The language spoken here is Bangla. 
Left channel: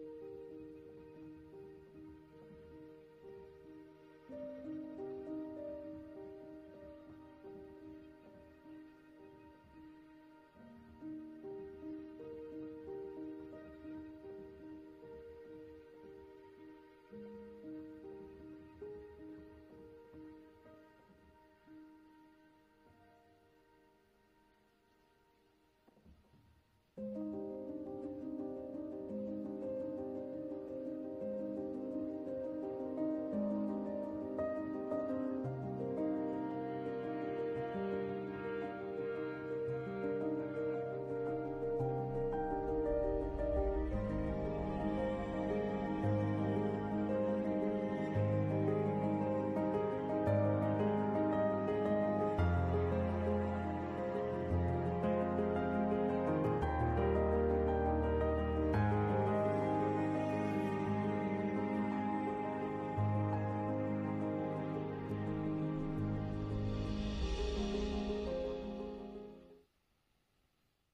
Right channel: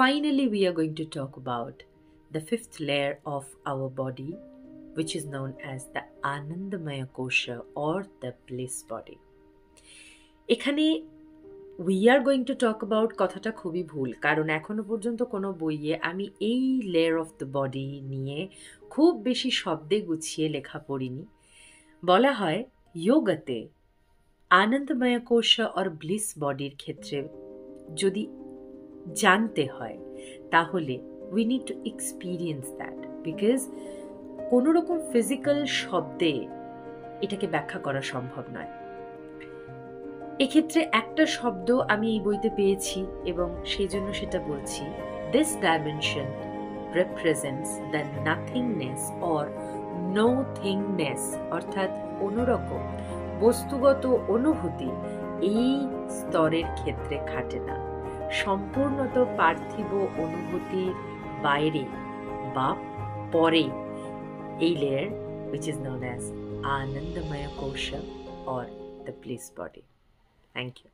finally, we are going to talk about the fifth layer of our body, which is known as the Anandamaya Kosha or the bliss body. এখানে we are going to talk about কথাটা খুবই ভুল, কারণ এখনো পর্যন্ত কোনো বইয়ে আমি এই লেয়ার অফ দ্য বডি নিয়ে খুব বেশি শব্দে গুছিয়ে লেখা পড়িনি। বলা হয় যোগাতে আনন্দময় কোষা আর ব্লিস বডির ক্ষেত্রে যদি জানতে হয় তাহলে we need to experience that, because কোনো রকম ফিজিক্যাল শব্দে এটাকে ব্যাখ্যা করা সম্ভব নয়। এক্ষেত্রে একটা শব্দ আমি এই বইতে পেয়েছি এবং সেই জন্য সেটা বলছি। This dimension represents the nothingness or no thingness, অর্থাৎ কোনোরকম বস্তুগত অনুভূতি এই স্তরের ক্ষেত্রে খাটে না। সম্পূর্ণত পার্থিব অনুভূতির বাইরে বা পরে এই layer, which is known as Anandamaya Kosha or the bliss body. Thank you.